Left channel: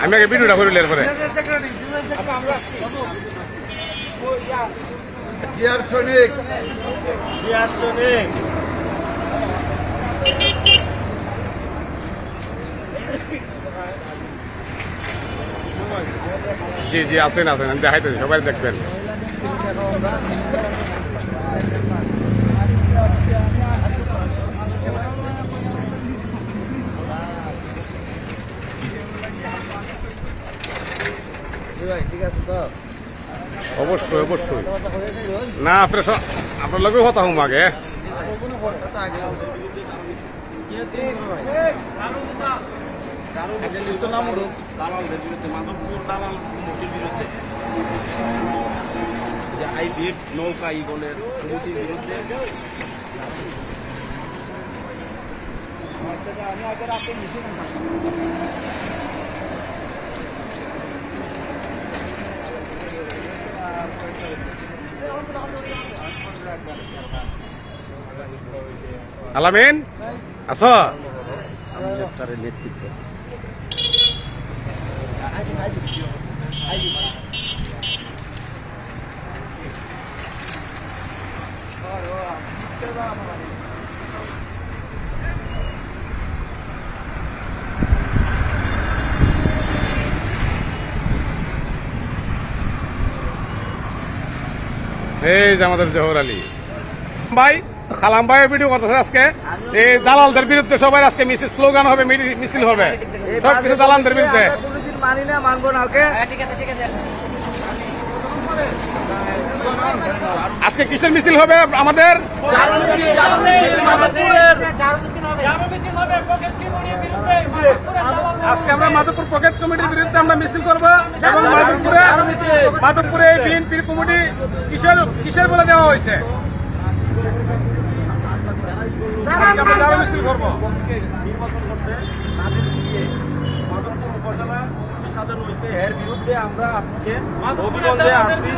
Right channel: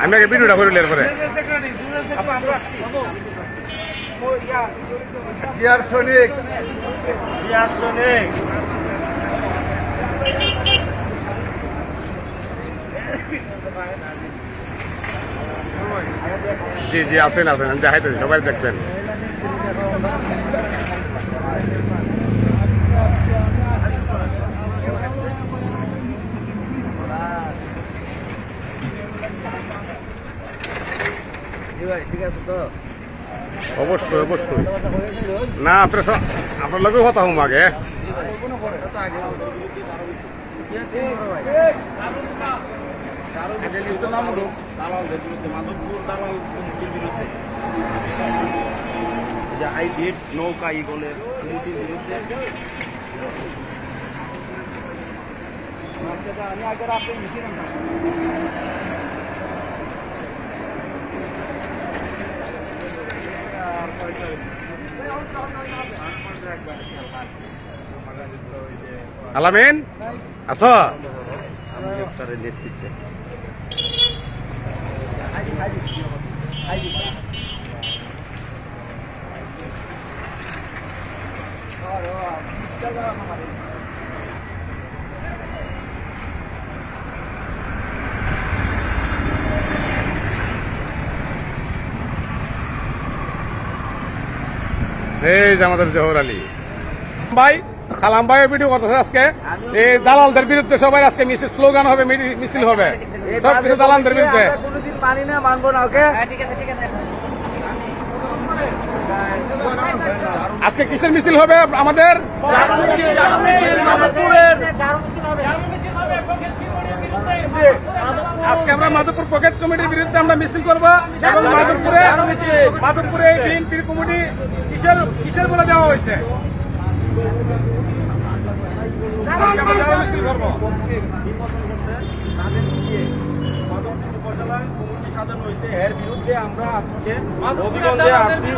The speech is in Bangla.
আমি আগে ভিডিওটা করিলে এরপরে জি জি আছেন আছেন আমি দেখাইতেছি সবাই দেখবেন ঠিক আছে তো অবশ্যই অবশ্যই না আপনার লগেও কথা হুম আগে নৌকা ইগলের কমিটির বিরুদ্ধে আলামিন আস এই যে আমাদের জহর আলী ভাই খালাম ভাই ভিডিও করতেছে আজকে এই দালালদের বিরুদ্ধে সবাই আজকে মিছিল স্লোগান হবে মিছিল হবে সবকিছু দালালদের বিরুদ্ধে আজকে কিসের মিছিল হবে আমাদের আজকে আমরা মাধবপুর পকেট কমিটির বিরুদ্ধে আমরা মিছিল করব এবং মাধবপুরে বিএনপি কমিটি কিসের বলে দেওয়া হয়েছে মিছিল করবো উপজেলা কমিটি সাজানো হয়েছে এর বিরুদ্ধে আমরা আজকে অভিযোগে আসছি